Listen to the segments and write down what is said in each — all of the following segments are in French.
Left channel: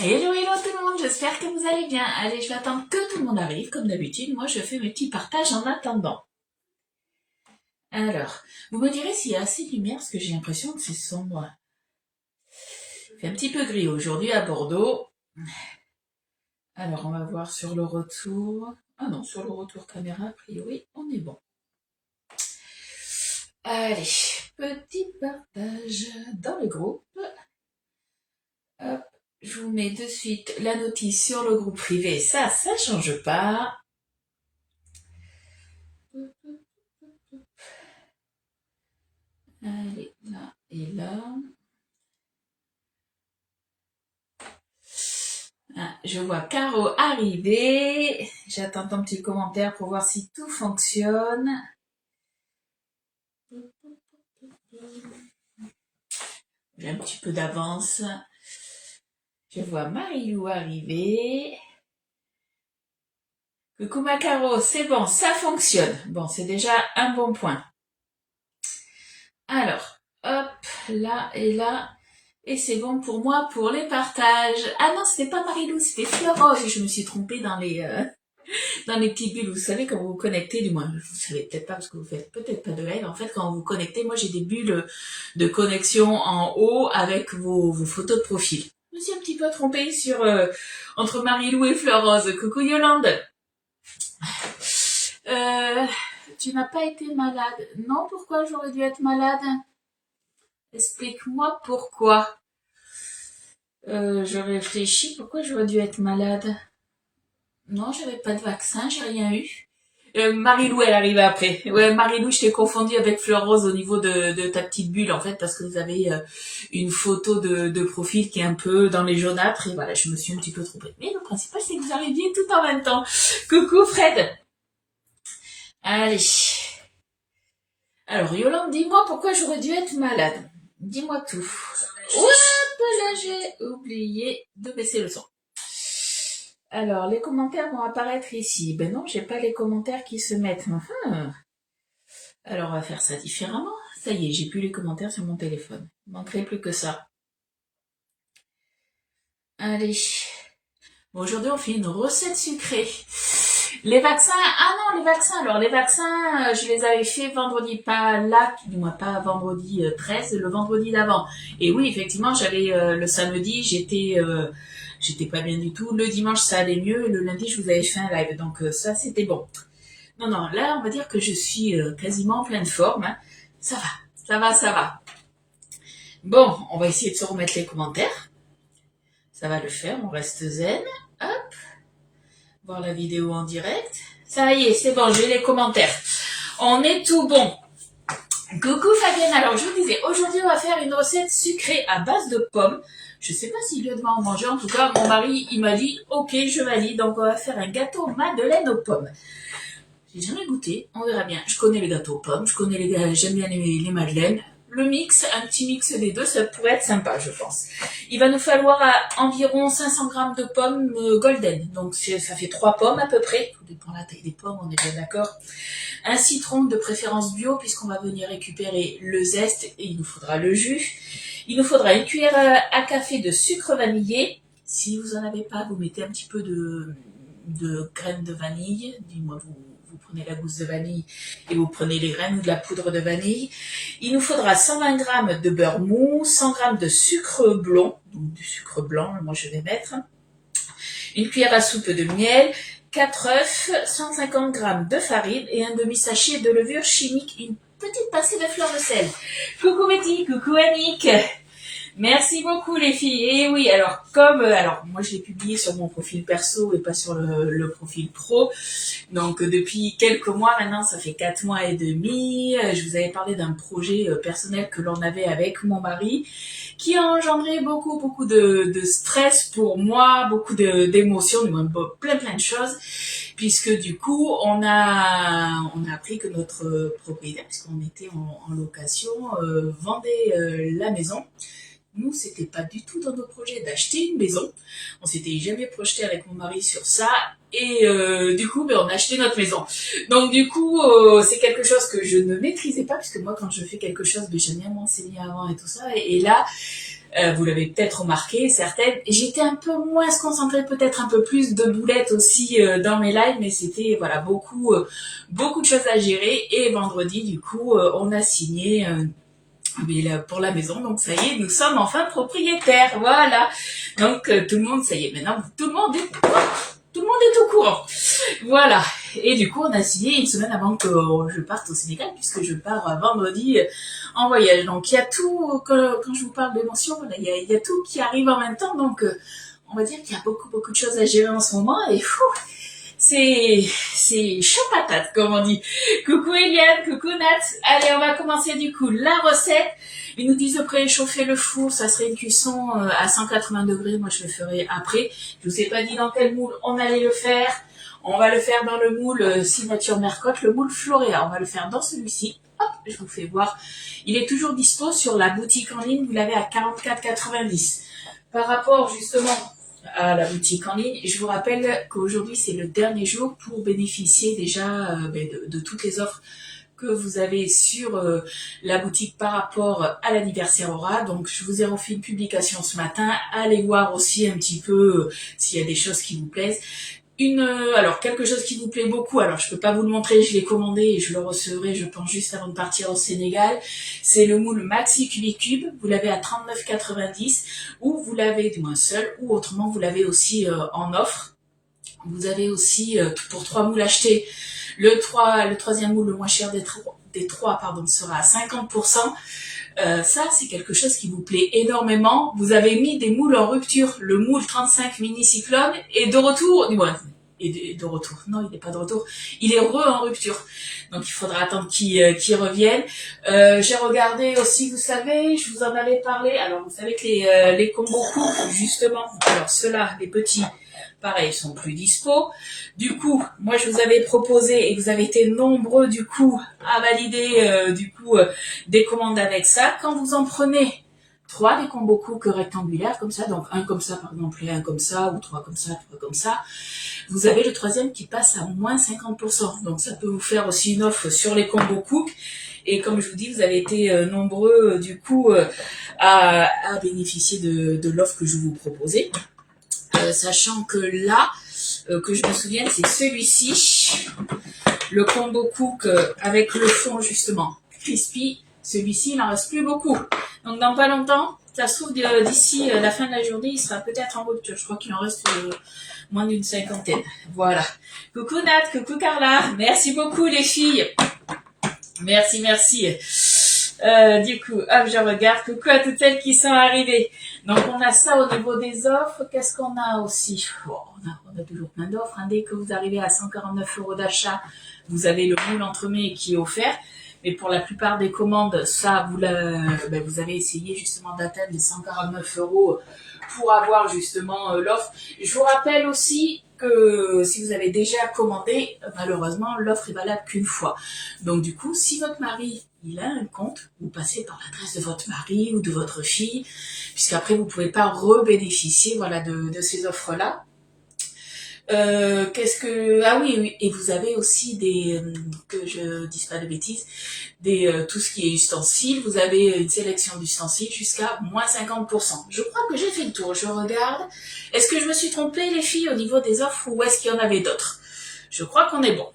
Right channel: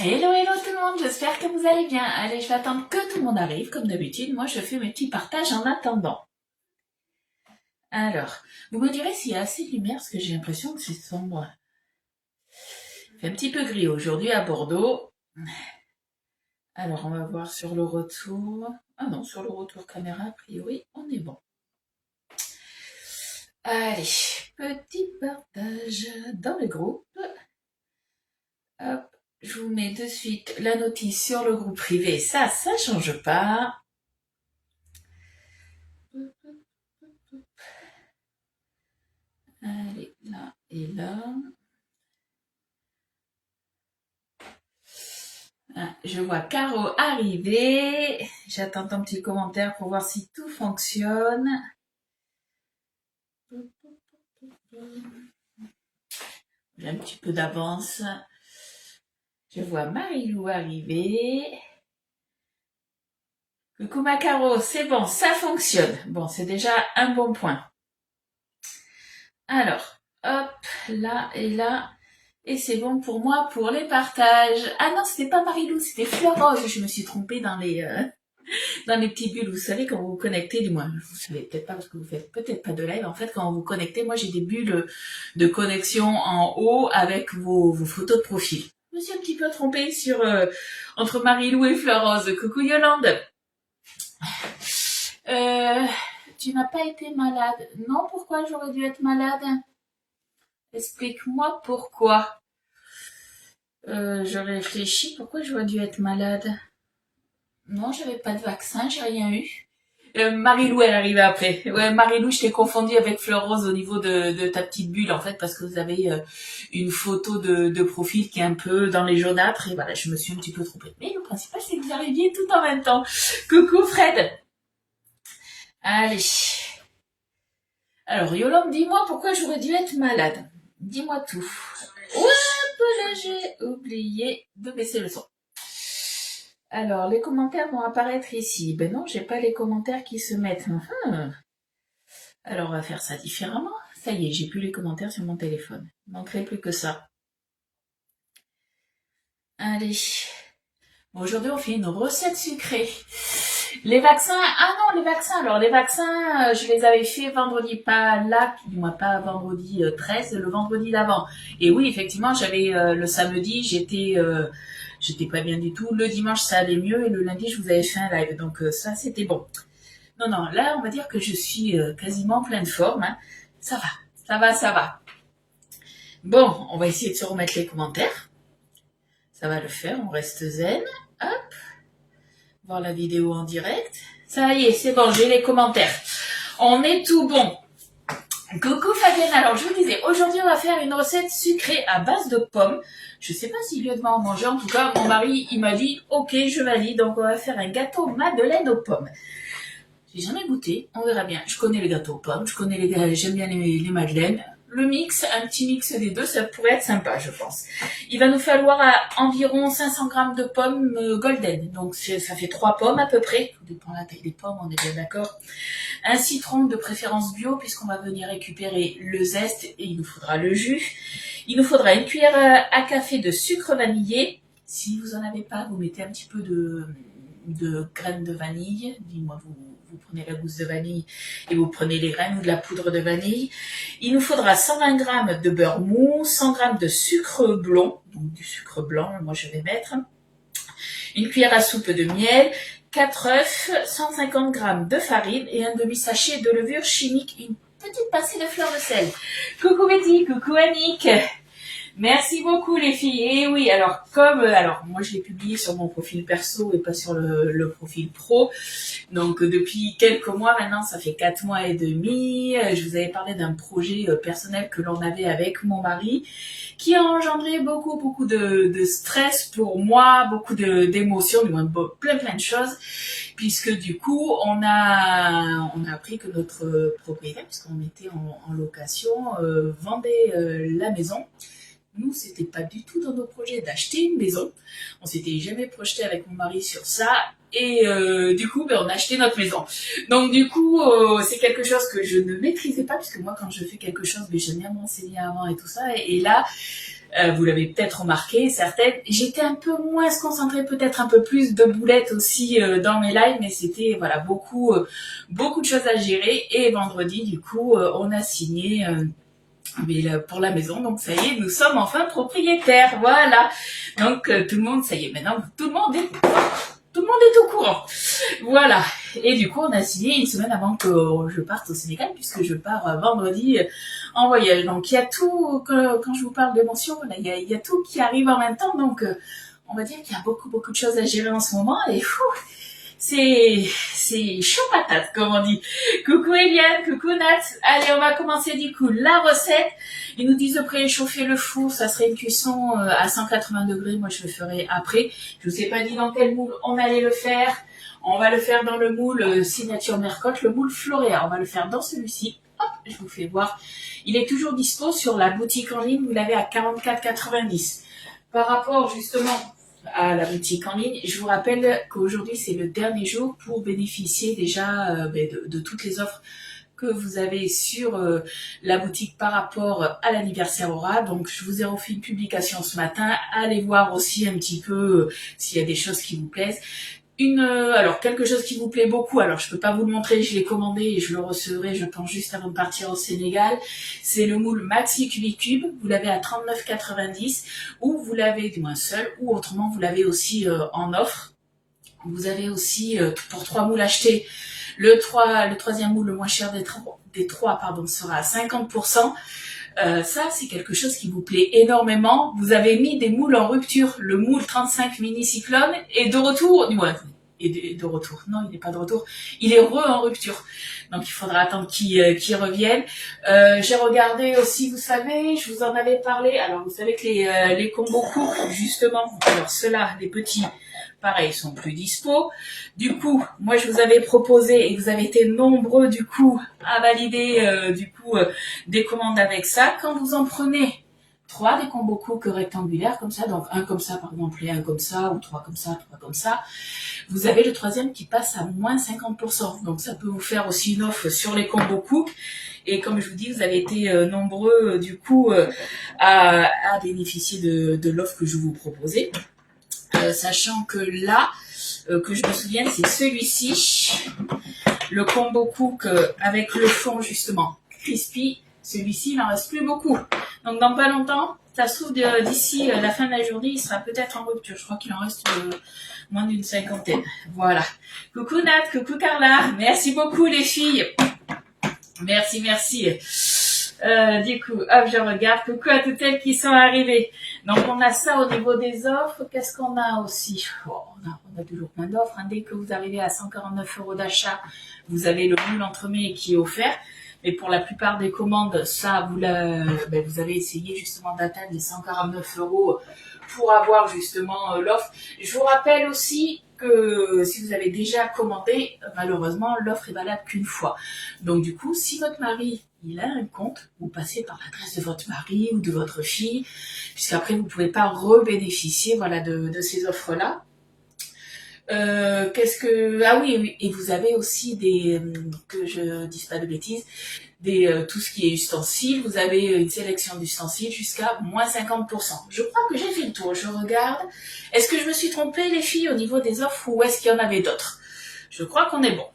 Hello, hello tout le monde, j'espère que vous allez bien. Allez, je vais attendre que tout le monde arrive, comme d'habitude. Moi, je fais mes petits partages en attendant. Alors, vous me direz s'il y a assez de lumière, parce que j'ai l'impression que c'est sombre. Il fait un petit peu gris aujourd'hui à Bordeaux. Alors, on va voir sur le retour. Ah non, sur le retour caméra, a priori, on est bon. Allez, petit partage dans le groupe. Hop, je vous mets de suite la notice sur le groupe privé. Ça change pas. Allez, là et là. Ah, je vois Caro arriver. J'attends ton petit commentaire pour voir si tout fonctionne. J'ai un petit peu d'avance. Je vois Marilou arriver. Coucou ma Caro, c'est bon, ça fonctionne. Bon, c'est déjà un bon point. Alors, hop, là et là. Et c'est bon pour moi pour les partages. Ah non, c'était pas Marilou, c'était Florence. Je me suis trompée dans les petites bulles. Vous savez, quand vous vous connectez, du moins, vous savez peut-être pas parce que vous faites peut-être pas de live. En fait, quand vous vous connectez, moi j'ai des bulles de connexion en haut avec vos photos de profil. Je me suis un petit peu trompée sur entre Marilou et Florence. Coucou Yolande. Tu n'as pas été malade. Non, pourquoi j'aurais dû être malade? Explique-moi pourquoi. Je réfléchis, pourquoi j'aurais dû être malade? Non, j'avais pas de vaccin, j'ai rien eu. Marilou, elle arrive après. Ouais, Marilou, je t'ai confondu avec Florence au niveau de ta petite bulle, en fait, parce que vous avez une photo de profil qui est un peu dans les jaunâtres, et voilà, je me suis un petit peu trompée. Mais le principal, c'est que vous arriviez tout en même temps. Coucou Fred. Allez. Alors, Yolande, dis-moi pourquoi j'aurais dû être malade. Dis-moi tout. Oups, là, j'ai oublié de baisser le son. Alors, les commentaires vont apparaître ici. Ben non, j'ai pas les commentaires qui se mettent. Alors, on va faire ça différemment. Ça y est, j'ai plus les commentaires sur mon téléphone. Il manquerait plus que ça. Allez. Bon, aujourd'hui, on fait une recette sucrée. Les vaccins, ah non, les vaccins. Alors, les vaccins, je les avais fait vendredi, pas là, du moins pas vendredi 13, le vendredi d'avant. Et oui, effectivement, j'allais le samedi, j'étais pas bien du tout. Le dimanche, ça allait mieux. Et le lundi, je vous avais fait un live. Donc, ça, c'était bon. Non, non, là, on va dire que je suis quasiment en pleine forme. Hein. Ça va, ça va, ça va. Bon, on va essayer de se remettre les commentaires. Ça va le faire, on reste zen. Hop. Voir la vidéo en direct. Ça y est, c'est bon, j'ai les commentaires. On est tout bon. Coucou Fabienne, alors je vous disais, aujourd'hui on va faire une recette sucrée à base de pommes. Je sais pas si Lieu va en manger, en tout cas mon mari il m'a dit ok je valide, donc on va faire un gâteau madeleine aux pommes. J'ai jamais goûté, on verra bien. Je connais les gâteaux aux pommes, j'aime bien les madeleines. Le mix, un petit mix des deux, ça pourrait être sympa, je pense. Il va nous falloir environ 500 grammes de pommes golden. Donc ça fait 3 pommes à peu près. Tout dépend de la taille des pommes, on est bien d'accord. Un citron de préférence bio, puisqu'on va venir récupérer le zeste et il nous faudra le jus. Il nous faudra une cuillère à café de sucre vanillé. Si vous en avez pas, vous mettez un petit peu de graines de vanille. Dis-moi, vous prenez la gousse de vanille et vous prenez les graines ou de la poudre de vanille. Il nous faudra 120 g de beurre mou, 100 g de sucre blond, donc du sucre blanc, moi je vais mettre, une cuillère à soupe de miel, 4 œufs, 150 g de farine et un demi-sachet de levure chimique, une petite pincée de fleur de sel. Coucou Betty, coucou Annick. Merci beaucoup les filles. Et oui, alors moi je l'ai publié sur mon profil perso et pas sur le profil pro. Donc depuis quelques mois maintenant, ça fait 4 mois et demi, je vous avais parlé d'un projet personnel que l'on avait avec mon mari qui a engendré beaucoup de stress pour moi, beaucoup d'émotions, plein de choses, puisque du coup on a appris que notre propriétaire, puisqu'on était en location, vendait la maison. Nous, c'était pas du tout dans nos projets d'acheter une maison. On s'était jamais projeté avec mon mari sur ça. Et du coup, on a acheté notre maison. Donc du coup, c'est quelque chose que je ne maîtrisais pas, puisque moi, quand je fais quelque chose, j'aime bien m'enseigner avant et tout ça. Et là, Vous l'avez peut-être remarqué, certaines. J'étais un peu moins concentrée, peut-être un peu plus de boulettes aussi dans mes lives, mais c'était voilà beaucoup de choses à gérer. Et vendredi, du coup, on a signé mais là, pour la maison. Donc ça y est, nous sommes enfin propriétaires. Voilà. Donc tout le monde, ça y est, maintenant tout le monde est au courant. Voilà. Et du coup, on a signé une semaine avant que je parte au Sénégal, puisque je pars vendredi en voyage. Donc, il y a tout, quand je vous parle d'émotion, voilà, il y a tout qui arrive en même temps. Donc, on va dire qu'il y a beaucoup de choses à gérer en ce moment. Et c'est chaud patate, comme on dit. Coucou Eliane, coucou Nat. Allez, on va commencer du coup la recette. Ils nous disent de préchauffer le four, ça serait une cuisson à 180 degrés. Moi, je le ferai après. Je vous ai pas dit dans quel moule on allait le faire. On va le faire dans le moule Signature Mercotte, le moule Floréa. On va le faire dans celui-ci. Hop, je vous fais voir. Il est toujours dispo sur la boutique en ligne. Vous l'avez à 44,90. Par rapport justement à la boutique en ligne, je vous rappelle qu'aujourd'hui c'est le dernier jour pour bénéficier déjà de toutes les offres que vous avez sur la boutique par rapport à l'anniversaire Aura. Donc je vous ai refait une publication ce matin. Allez voir aussi un petit peu s'il y a des choses qui vous plaisent. Alors quelque chose qui vous plaît beaucoup, alors je peux pas vous le montrer, je l'ai commandé et je le recevrai, je pense, juste avant de partir au Sénégal. C'est le moule Maxi Cubicube, vous l'avez à 39,90 ou vous l'avez du moins seul, ou autrement vous l'avez aussi en offre. Vous avez aussi pour 3 moules achetés, le troisième moule le moins cher des trois sera à 50%. Ça, c'est quelque chose qui vous plaît énormément. Vous avez mis des moules en rupture. Le moule 35 mini cyclone est de retour. De retour. Non, il n'est pas de retour. Il est en rupture. Donc, il faudra attendre qu'il revienne. J'ai regardé aussi, vous savez, je vous en avais parlé. Alors, vous savez que les combos couples, justement, alors ceux-là, les petits, pareil, sont plus dispo. Du coup, moi je vous avais proposé et vous avez été nombreux du coup à valider des commandes avec ça. Quand vous en prenez 3 des combos cook rectangulaires comme ça, donc un comme ça par exemple et un comme ça, ou 3 comme ça, vous avez le troisième qui passe à moins 50%. Donc ça peut vous faire aussi une offre sur les combos cook. Et comme je vous dis, vous avez été nombreux du coup à bénéficier de l'offre que je vous proposais. Sachant que là, que je me souvienne, c'est celui-ci, le combo cook avec le fond justement crispy. Celui-ci, il n'en reste plus beaucoup. Donc dans pas longtemps, ça se trouve d'ici la fin de la journée, il sera peut-être en rupture. Je crois qu'il en reste moins d'une 50aine. Voilà. Coucou Nat, coucou Carla. Merci beaucoup les filles. Merci. Du coup, hop, je regarde. Coucou à toutes celles qui sont arrivées. Donc, on a ça au niveau des offres. Qu'est-ce qu'on a aussi? On a toujours plein d'offres. Dès que vous arrivez à 149 € d'achat, vous avez le moule entremets qui est offert. Mais pour la plupart des commandes, ça, vous avez essayé justement d'atteindre les 149 € pour avoir justement l'offre. Je vous rappelle aussi que si vous avez déjà commandé, malheureusement, l'offre est valable qu'une fois. Donc du coup, si votre mari il a un compte, vous passez par l'adresse de votre mari ou de votre fille, puisqu'après vous ne pouvez pas rebénéficier de ces offres-là. Ah oui, et vous avez aussi que je dise pas de bêtises, tout ce qui est ustensiles, vous avez une sélection d'ustensiles jusqu'à moins 50%. Je crois que j'ai fait le tour, je regarde. Est-ce que je me suis trompée les filles au niveau des offres ou est-ce qu'il y en avait d'autres? Je crois qu'on est bon.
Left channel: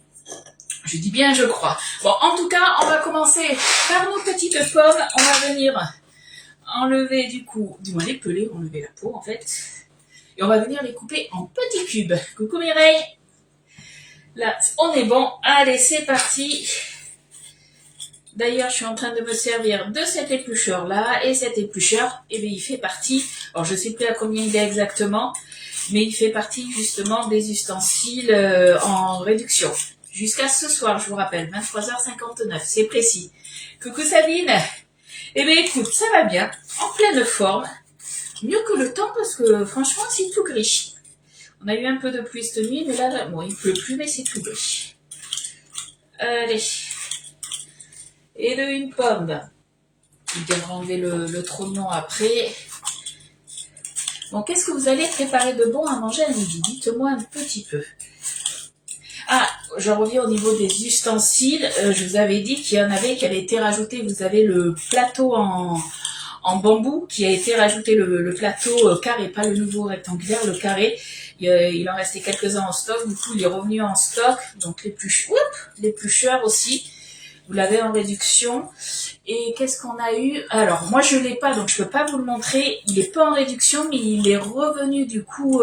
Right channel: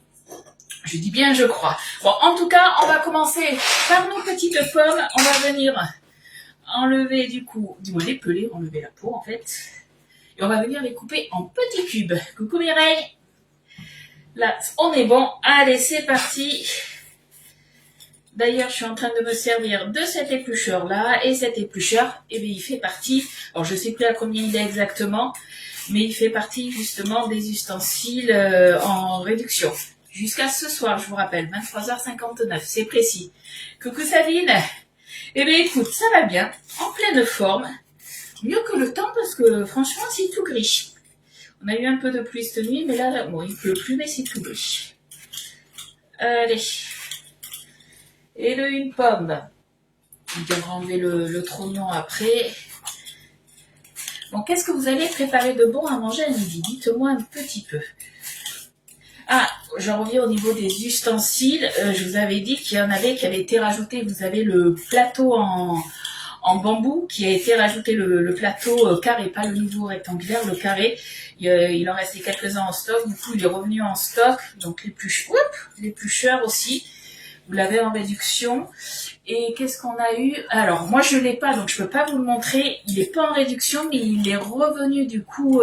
Je dis bien je crois. Bon, en tout cas, on va commencer par nos petites pommes. On va venir enlever les peler, enlever la peau en fait. Et on va venir les couper en petits cubes. Coucou Mireille. Là, on est bon. Allez, c'est parti. D'ailleurs, je suis en train de me servir de cet éplucheur-là. Et cet éplucheur, il fait partie... Alors, je ne sais plus à combien il est exactement. Mais il fait partie, justement, des ustensiles en réduction. Jusqu'à ce soir, je vous rappelle, 23h59. C'est précis. Coucou Sabine. Eh bien, écoute, ça va bien. En pleine forme. Mieux que le temps parce que franchement c'est tout gris. On a eu un peu de pluie cette nuit, mais là, bon, il pleut plus, mais c'est tout gris. Allez. Et de une pomme. Il devra enlever le trognon après. Bon, qu'est-ce que vous allez préparer de bon à manger à midi? Dites-moi un petit peu. Ah, je reviens au niveau des ustensiles. Je vous avais dit qu'il y en avait qui avaient été rajoutés. Vous avez le plateau en en bambou qui a été rajouté le plateau carré, pas le nouveau rectangulaire, le carré. Il en restait quelques-uns en stock, du coup il est revenu en stock, donc les plus chers aussi. Vous l'avez en réduction. Et qu'est-ce qu'on a eu? Alors, moi, je l'ai pas, donc je peux pas vous le montrer. Il est pas en réduction, mais il est revenu, du coup,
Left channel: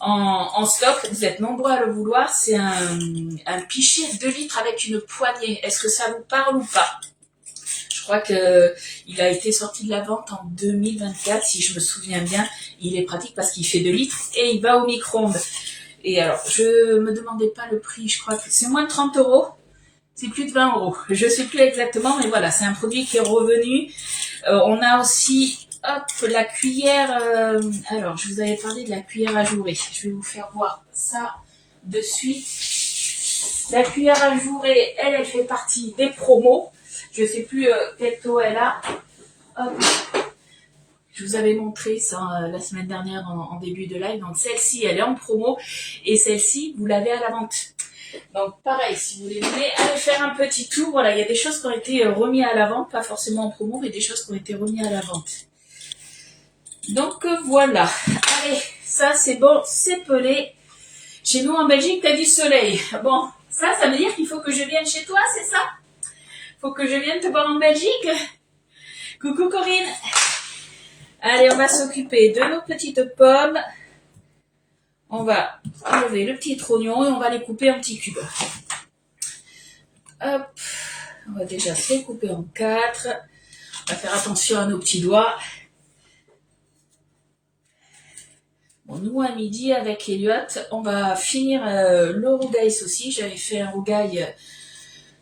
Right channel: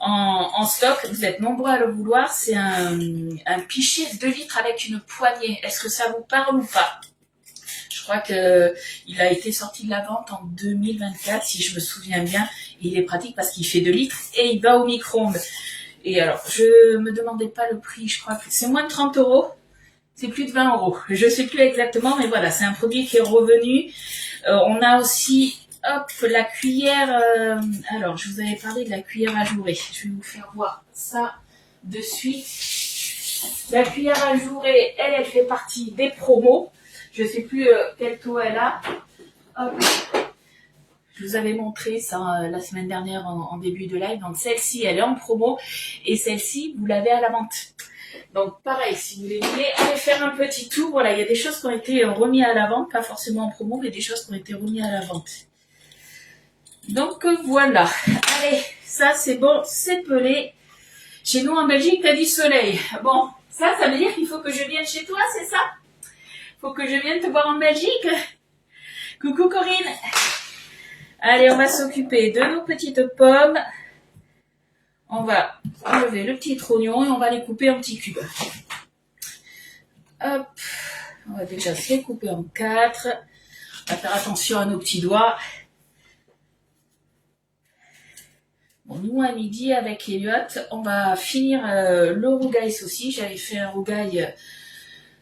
en stock. Vous êtes nombreux à le vouloir. C'est un pichet 2 litres avec une poignée. Est-ce que ça vous parle ou pas? Je crois que il a été sorti de la vente en 2024, si je me souviens bien. Il est pratique parce qu'il fait 2 litres et il va au micro-ondes. Et alors, je me demandais pas le prix. Je crois que c'est moins de 30 €. C'est plus de 20 €. Je sais plus exactement, mais voilà, c'est un produit qui est revenu. On a aussi, hop, la cuillère. Alors, je vous avais parlé de la cuillère ajourée. Je vais vous faire voir ça de suite. La cuillère ajourée, elle fait partie des promos. Je sais plus quel taux elle a. Hop. Je vous avais montré ça la semaine dernière en début de live. Donc, celle-ci, elle est en promo. Et celle-ci, vous l'avez à la vente. Donc pareil, si vous voulez aller faire un petit tour, voilà, il y a des choses qui ont été remises à la vente, pas forcément en promo, mais des choses qui ont été remises à la vente. Donc voilà, allez, ça c'est bon, c'est pelé. Chez nous en Belgique, t'as du soleil. Bon, ça veut dire qu'il faut que je vienne chez toi, c'est ça? Faut que je vienne te voir en Belgique? Coucou Corinne. Allez, on va s'occuper de nos petites pommes. On va enlever le petit trognon et on va les couper en petits cubes. Hop, on va déjà se les couper en 4. On va faire attention à nos petits doigts. Bon, nous à midi avec Elliot, on va finir le rougail aussi. J'avais fait un rougail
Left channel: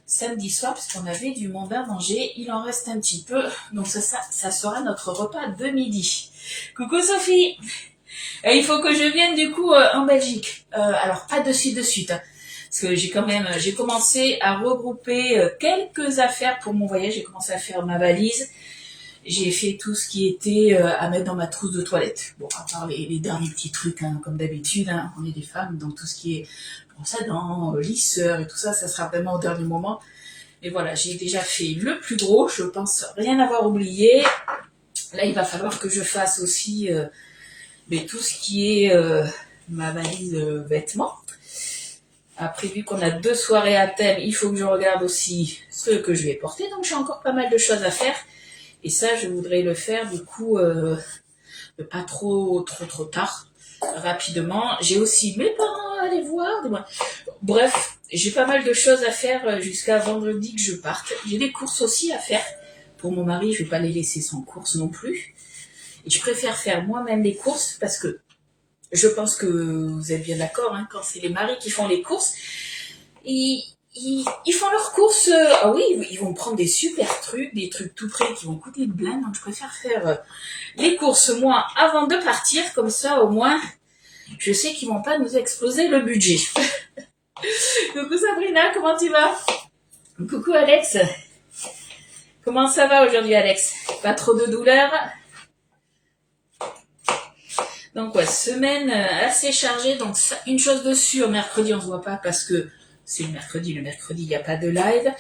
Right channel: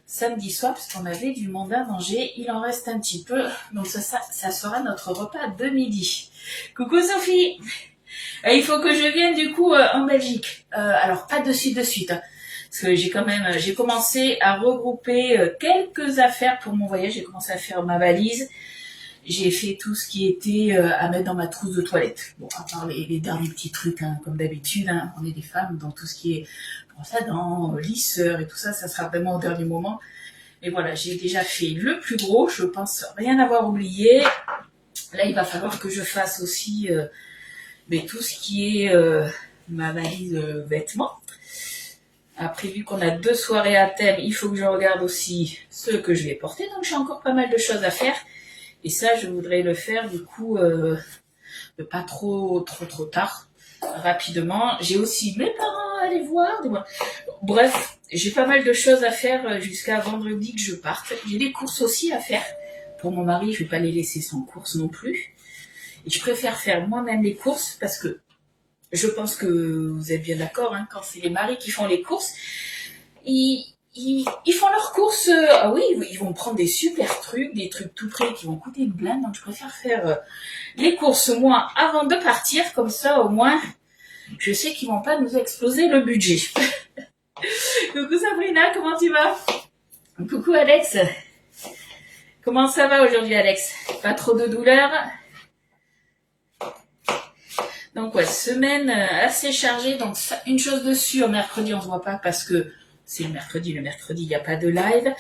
samedi soir parce qu'on avait du monde à manger. Il en reste un petit peu, donc ça sera notre repas de midi. Coucou Sophie. Il faut que je vienne du coup en Belgique. Alors pas de suite, hein, parce que j'ai commencé à regrouper quelques affaires pour mon voyage. J'ai commencé à faire ma valise. J'ai fait tout ce qui était à mettre dans ma trousse de toilette. Bon, à part les derniers petits trucs, hein, comme d'habitude, hein, on est des femmes, donc tout ce qui est brosse à dents, lisseur et tout ça, ça sera vraiment au dernier moment. Mais voilà, j'ai déjà fait le plus gros. Je pense rien avoir oublié. Là, il va falloir que je fasse aussi mais tout ce qui est ma valise vêtements. Après, vu qu'on a 2 soirées à thème, il faut que je regarde aussi ce que je vais porter. Donc, j'ai encore pas mal de choses à faire. Et ça, je voudrais le faire du coup pas trop tard, rapidement. J'ai aussi mes parents à aller voir. Bref, j'ai pas mal de choses à faire jusqu'à vendredi que je parte. J'ai des courses aussi à faire. Pour mon mari, je vais pas les laisser sans course non plus. Et je préfère faire moi-même les courses parce que je pense que vous êtes bien d'accord, hein, quand c'est les maris qui font les courses, ils font leurs courses, ah oui, ils vont prendre des super trucs, des trucs tout prêts qui vont coûter une blinde, donc je préfère faire les courses moi avant de partir, comme ça au moins je sais qu'ils vont pas nous exploser le budget. Coucou Sabrina, comment tu vas? Coucou Alex, comment ça va aujourd'hui Alex? Pas trop de douleur? Donc ouais, semaine assez chargée. Donc une chose de sûre, mercredi on se voit pas parce que c'est le mercredi il n'y a pas de live.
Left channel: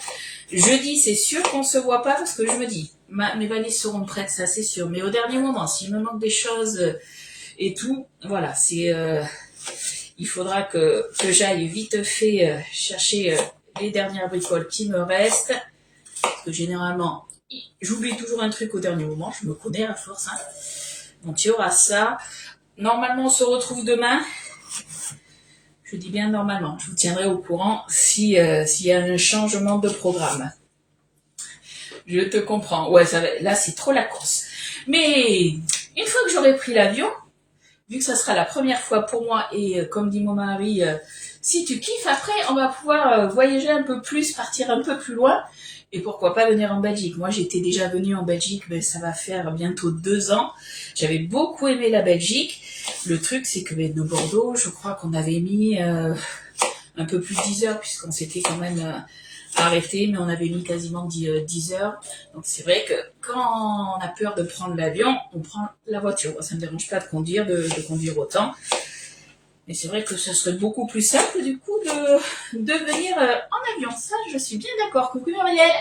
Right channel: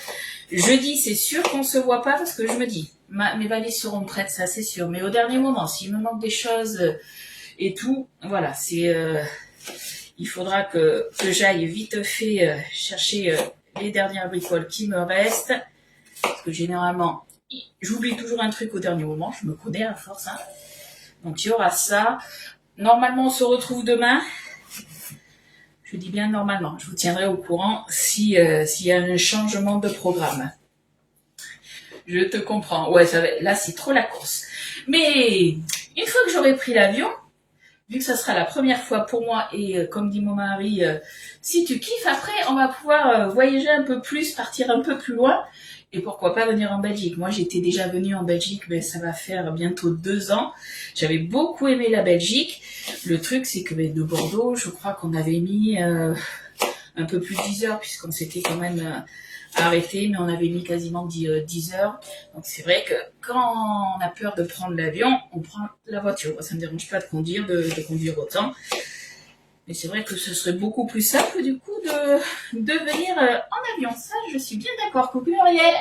Jeudi c'est sûr qu'on se voit pas parce que je me dis, mes valises seront prêtes, ça c'est sûr. Mais au dernier moment, s'il me manque des choses et tout, voilà, il faudra que j'aille vite fait chercher les dernières bricoles qui me restent. Parce que généralement, j'oublie toujours un truc au dernier moment, je me connais à force. Hein. Donc il y aura ça. Normalement, on se retrouve demain. Je dis bien normalement. Je vous tiendrai au courant s'il y a un changement de programme. Je te comprends. Ouais, là, c'est trop la course. Mais une fois que j'aurai pris l'avion, vu que ça sera la première fois pour moi, et comme dit mon mari, si tu kiffes, après, on va pouvoir voyager un peu plus, partir un peu plus loin. Et pourquoi pas venir en Belgique. Moi, j'étais déjà venue en Belgique, mais ça va faire bientôt 2 ans. J'avais beaucoup aimé la Belgique. Le truc, c'est que de Bordeaux, je crois qu'on avait mis un peu plus de 10 heures, puisqu'on s'était quand même arrêté, mais on avait mis quasiment 10 heures. Donc c'est vrai que quand on a peur de prendre l'avion, on prend la voiture. Ça ne me dérange pas de conduire, de conduire autant. Mais c'est vrai que ce serait beaucoup plus simple, du coup, de venir en avion. Ça, je suis bien d'accord. Coucou Muriel.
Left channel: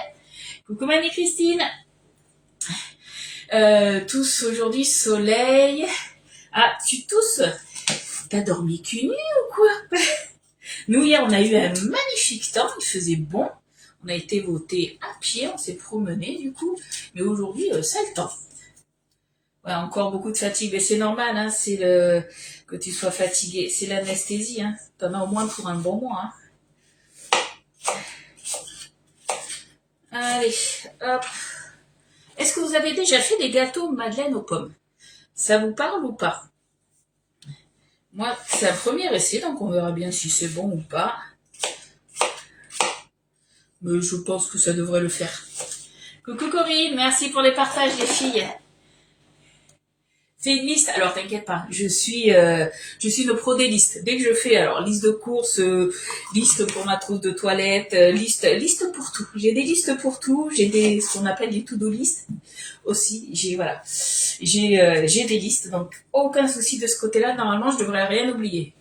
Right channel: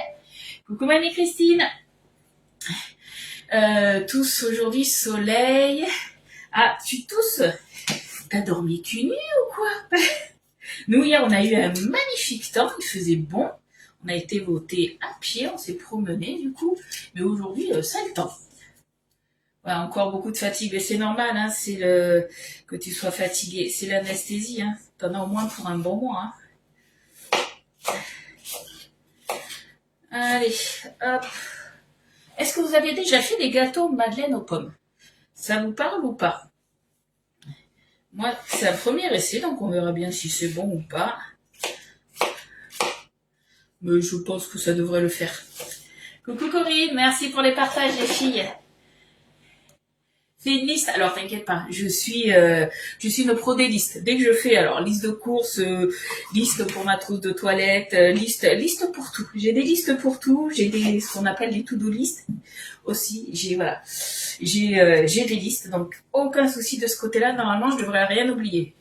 Coucou Marie-Christine. Tous aujourd'hui, soleil. Ah, tu tousses? T'as dormi cul nu ou quoi? Nous, hier, on a eu un magnifique temps, il faisait bon. On a été voter à pied, on s'est promené du coup. Mais aujourd'hui, ça le temps. Ouais, encore beaucoup de fatigue, mais c'est normal, hein, c'est le que tu sois fatigué. C'est l'anesthésie, hein. T'en as au moins pour un bon mois. Hein. Allez, hop. Est-ce que vous avez déjà fait des gâteaux madeleine aux pommes? Ça vous parle ou pas? Moi, c'est un premier essai, donc on verra bien si c'est bon ou pas. Mais je pense que ça devrait le faire. Coucou Corinne, merci pour les partages les filles. C'est une liste, alors t'inquiète pas, je suis une pro des listes. Dès que je fais alors liste de courses, liste pour ma trousse de toilette, liste pour tout. J'ai des listes pour tout, j'ai des ce qu'on appelle les to-do list aussi. J'ai des listes, donc aucun souci de ce côté-là. Normalement, je devrais rien oublier.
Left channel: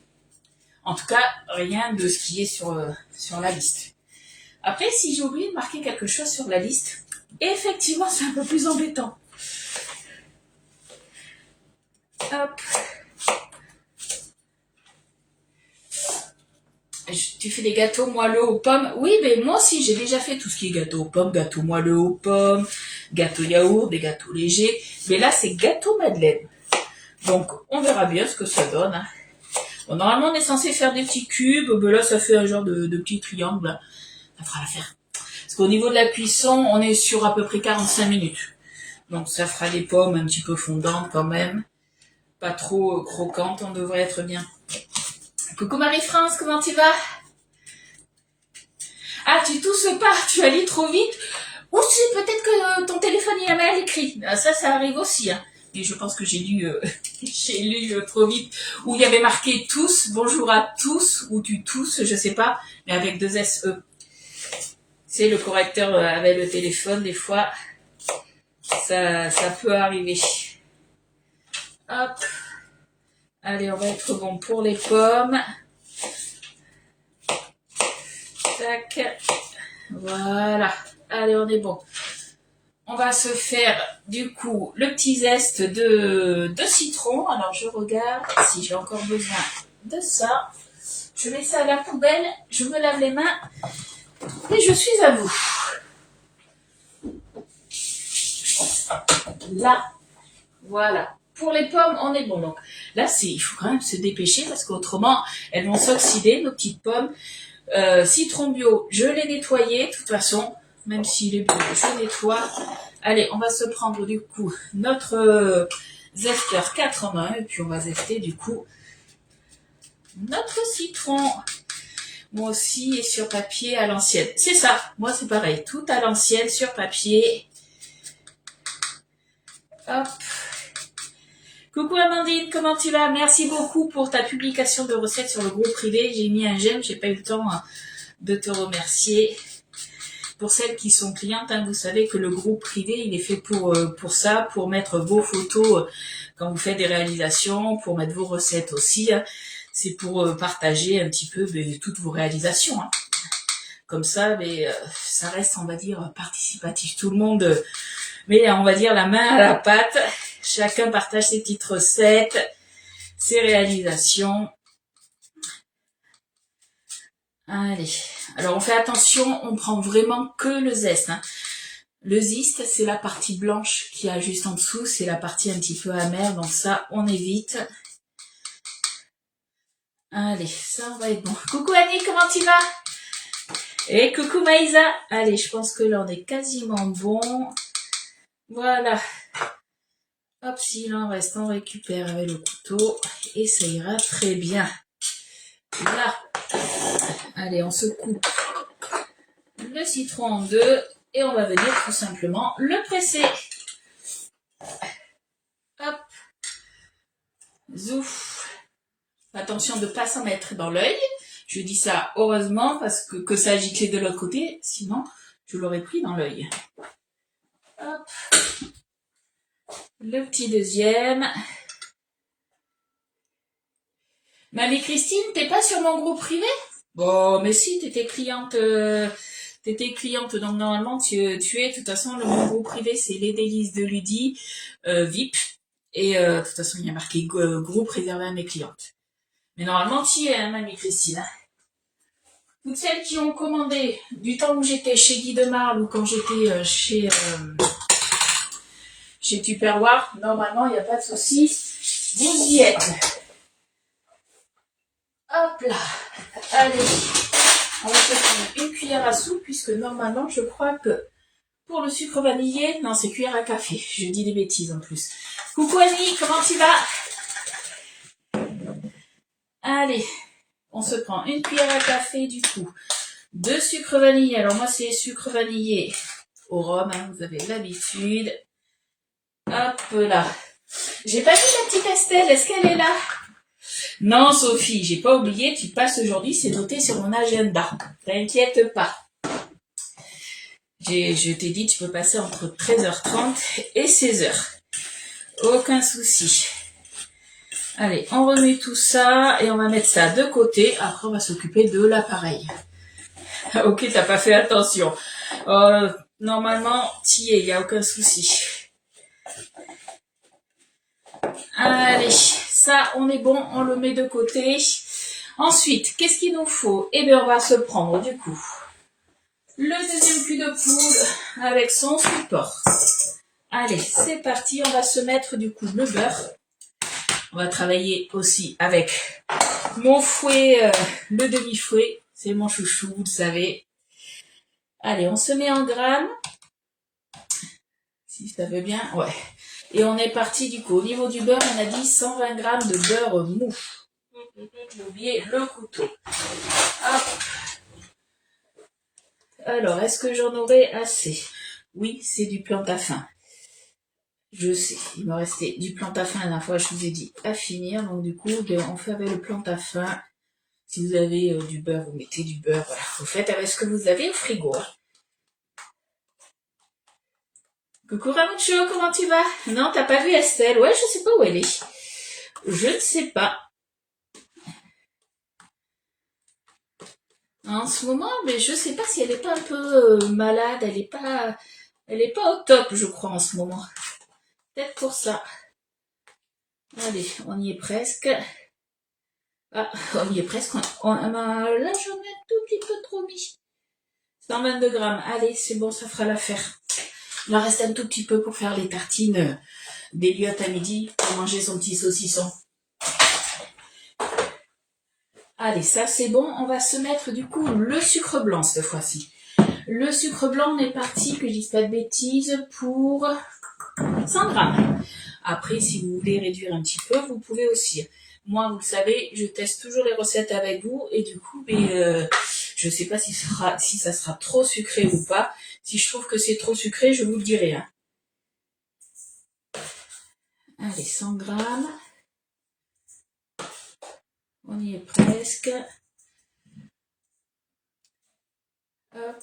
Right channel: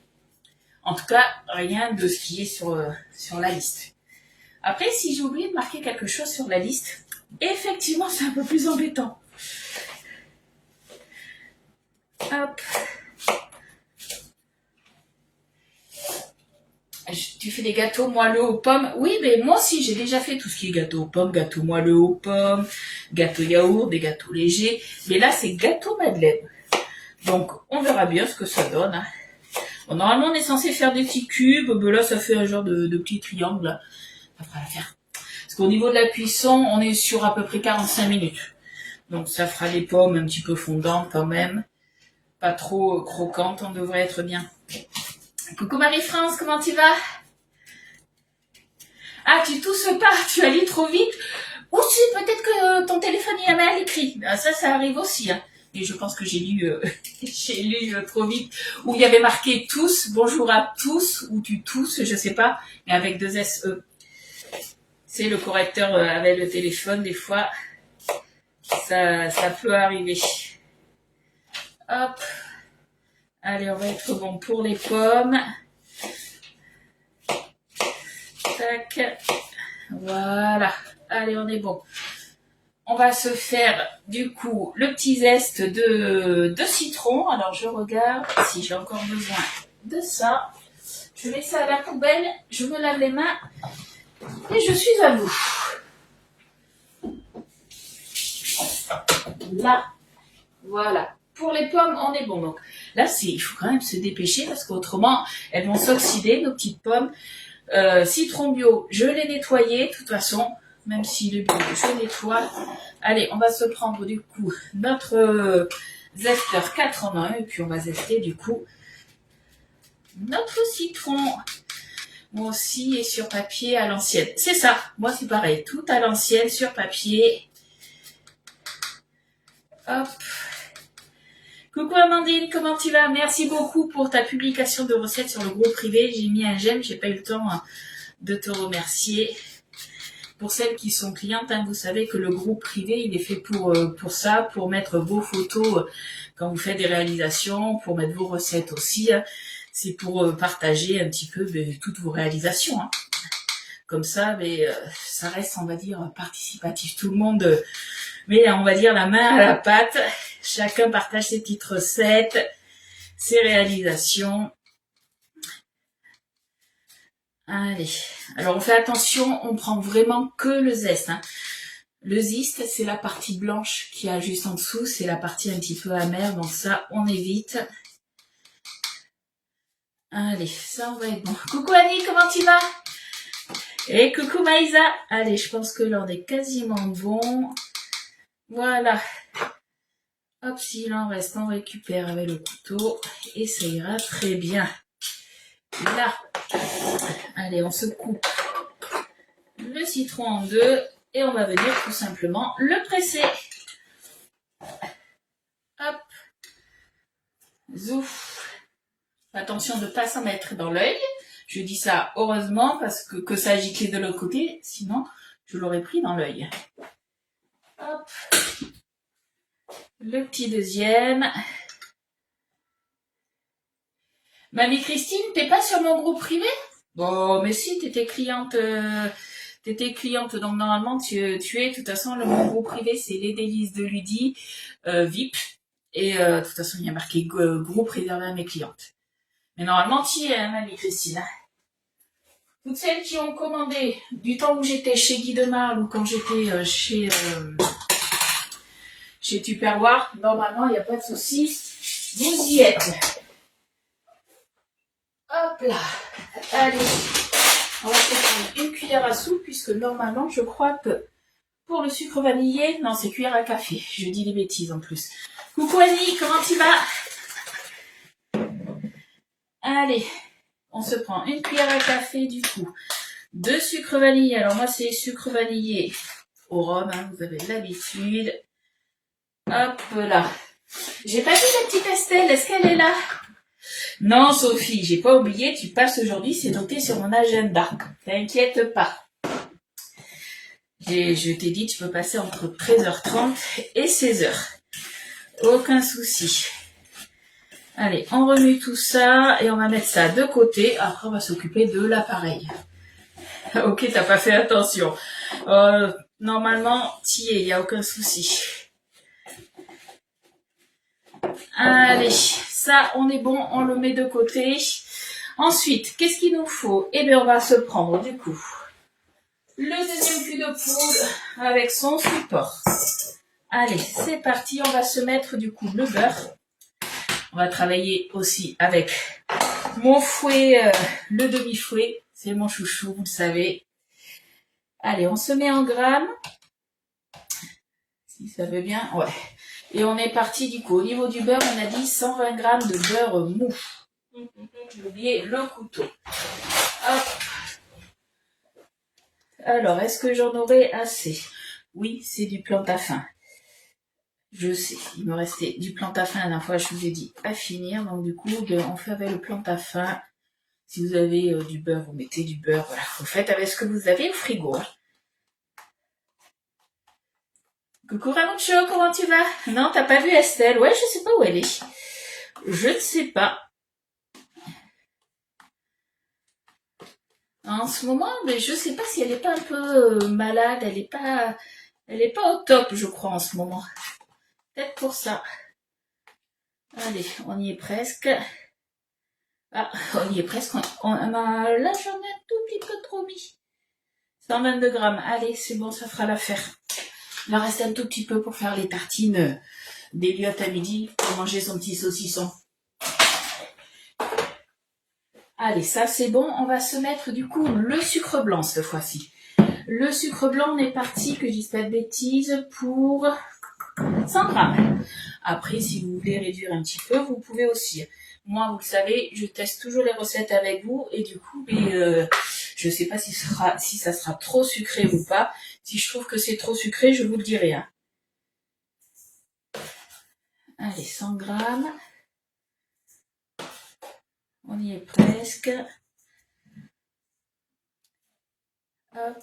En tout cas, rien de ce qui est sur la liste. Après, si j'ai oublié de marquer quelque chose sur la liste, effectivement, c'est un peu plus embêtant. Hop. Tu fais des gâteaux moelleux aux pommes? Oui, mais moi aussi, j'ai déjà fait tout ce qui est gâteau aux pommes, gâteau moelleux aux pommes, gâteau yaourt, des gâteaux légers. Mais là, c'est gâteau madeleine. Donc, on verra bien ce que ça donne. Hein. Bon, normalement, on est censé faire des petits cubes. Ben là, ça fait un genre de petits triangles. Là. Ça fera l'affaire. Parce qu'au niveau de la cuisson, on est sur à peu près 45 minutes. Donc, ça fera des pommes un petit peu fondantes quand même. Pas trop croquantes, on devrait être bien. Coucou Marie-France, comment tu vas? Ah, tu tousses pas, tu as lu trop vite. Aussi, peut-être que ton téléphone y a mal écrit. Ah, ça arrive aussi. Hein. Mais je pense que j'ai lu, trop vite. Où il y avait marqué tous, bonjour à tous, ou tu tousses, je sais pas, mais avec 2 SE. C'est le correcteur avec le téléphone, des fois, ça peut arriver. Hop. Allez, on va être bon pour les pommes. Tac. Voilà. Allez, on est bon. On va se faire, du coup, le petit zeste de citron. Alors, je regarde si j'ai encore besoin de ça. Je mets ça à la poubelle. Je me lave les mains. Et je suis à vous. Là. Voilà. Pour les pommes, on est bon. Donc, là, il faut quand même se dépêcher parce qu'autrement, elles vont s'oxyder, nos petites pommes. Citron bio, je l'ai nettoyé, de toute façon, même s'il est bio, je nettoie. Allez, on va se prendre du coup notre zester 4 en 1 et puis on va zester du coup notre citron. Moi aussi, et sur papier à l'ancienne. C'est ça, moi c'est pareil, tout à l'ancienne sur papier. Hop. Coucou Amandine, comment tu vas? Merci beaucoup pour ta publication de recettes sur le groupe privé. J'ai mis un j'aime, j'ai pas eu le temps de te remercier. Pour celles qui sont clientes, hein, vous savez que le groupe privé, il est fait pour ça, pour mettre vos photos quand vous faites des réalisations, pour mettre vos recettes aussi. Hein. C'est pour partager un petit peu toutes vos réalisations. Hein. Comme ça, ça reste, on va dire, participatif. Tout le monde met, on va dire, la main à la pâte. Chacun partage ses petites recettes, ses réalisations. Allez, alors on fait attention, on prend vraiment que le zeste. Hein. Le zeste, c'est la partie blanche qui a juste en dessous, c'est la partie un petit peu amère, donc ça, on évite. Allez, ça, on va être bon. Coucou Annie, comment tu vas? Et coucou Maïsa. Allez, je pense que là, on est quasiment bon. Voilà. Hop, s'il en reste, on récupère avec le couteau et ça ira très bien. Là. Allez, on se coupe le citron en deux et on va venir tout simplement le presser. Hop. Zouf. Attention de ne pas s'en mettre dans l'œil. Je dis ça heureusement parce que ça a giclé de l'autre côté, sinon je l'aurais pris dans l'œil. Hop. Le petit deuxième. Mamie Christine, t'es pas sur mon groupe privé? Bon, mais si, t'étais cliente Tu étais cliente, donc normalement tu es, de toute façon, le mon groupe privé, c'est les délices de Lydie, VIP. Et de toute façon, il y a marqué groupe réservé à mes clientes. Mais normalement, tu y es, hein, mamie Christine. Toutes celles qui ont commandé du temps où j'étais chez Guy de Marle ou quand j'étais chez Tupperware, normalement, il n'y a pas de souci. Vous y êtes. Hop là. Allez. On va se prendre une cuillère à soupe puisque normalement, je crois que pour le sucre vanillé, non, c'est cuillère à café. Je dis des bêtises en plus. Coucou Annie, comment tu vas? Allez, on se prend une cuillère à café du coup. De sucre vanillé. Alors moi, c'est sucre vanillé au rhum, hein, vous avez l'habitude. Hop là. J'ai pas vu la petite Estelle, est-ce qu'elle est là? Non, Sophie, j'ai pas oublié, tu passes aujourd'hui, c'est noté sur mon agenda. T'inquiète pas. Je t'ai dit, tu peux passer entre 13h30 et 16h. Aucun souci. Allez, on remet tout ça et on va mettre ça de côté. Après, on va s'occuper de l'appareil. Ok, t'as pas fait attention. Normalement, t'y es, il n'y a aucun souci. Allez, ça, on est bon, on le met de côté. Ensuite, qu'est-ce qu'il nous faut? Eh bien, on va se prendre, du coup, le deuxième cul de poule avec son support. Allez, c'est parti, on va se mettre, du coup, le beurre. On va travailler aussi avec mon fouet, le demi-fouet. C'est mon chouchou, vous le savez. Allez, on se met en grammes. Si ça veut bien, ouais. Et on est parti du coup. Au niveau du beurre, on a dit 120 grammes de beurre mou. J'ai oublié le couteau. Hop. Alors, est-ce que j'en aurai assez? Oui, c'est du Plantafin. Je sais, il me restait du Plantafin la dernière fois, je vous ai dit à finir. Donc du coup, on fait avec le Plantafin. Si vous avez du beurre, vous mettez du beurre. Voilà, vous faites avec ce que vous avez au frigo. Hein. Coucou Ramucho, comment tu vas? Non, t'as pas vu Estelle? Ouais, je sais pas où elle est. Je ne sais pas. En ce moment, mais je sais pas si elle est pas un peu malade. Elle est pas au top, je crois, en ce moment. Peut-être pour ça. Allez, on y est presque. Ah, on y est presque. Là, j'en ai un tout petit peu trop mis. 122 grammes. Allez, c'est bon, ça fera l'affaire. Il en reste un tout petit peu pour faire les tartines début à midi pour manger son petit saucisson. Allez, ça c'est bon. On va se mettre du coup le sucre blanc cette fois-ci. Le sucre blanc, on est parti, que je dise pas de bêtises, pour 100 grammes. Après, si vous voulez réduire un petit peu, vous pouvez aussi. Moi, vous le savez, je teste toujours les recettes avec vous et du coup, je sais pas si ça sera trop sucré ou pas. Si je trouve que c'est trop sucré, je vous le dirai. Hein. Allez, 100 grammes. On y est presque. Hop.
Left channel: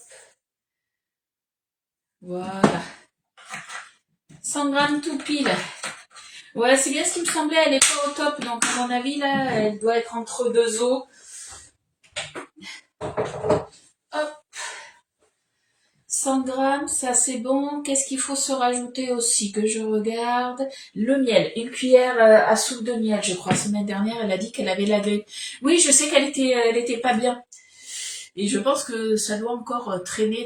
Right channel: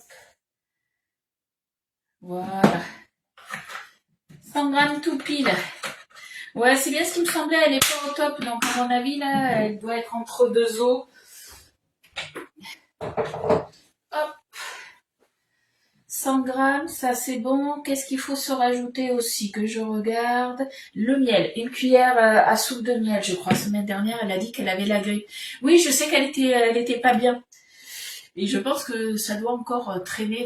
Voilà. 100 grammes tout pile. Ouais, c'est bien ce qui me semblait, elle est pas au top. Donc, à mon avis, là, elle doit être entre deux os. Hop. 100 grammes, ça c'est bon. Qu'est-ce qu'il faut se rajouter aussi que je regarde? Le miel, une cuillère à soupe de miel, je crois. La semaine dernière, elle a dit qu'elle avait la grippe. Oui, je sais qu'elle était pas bien. Et je pense que ça doit encore traîner.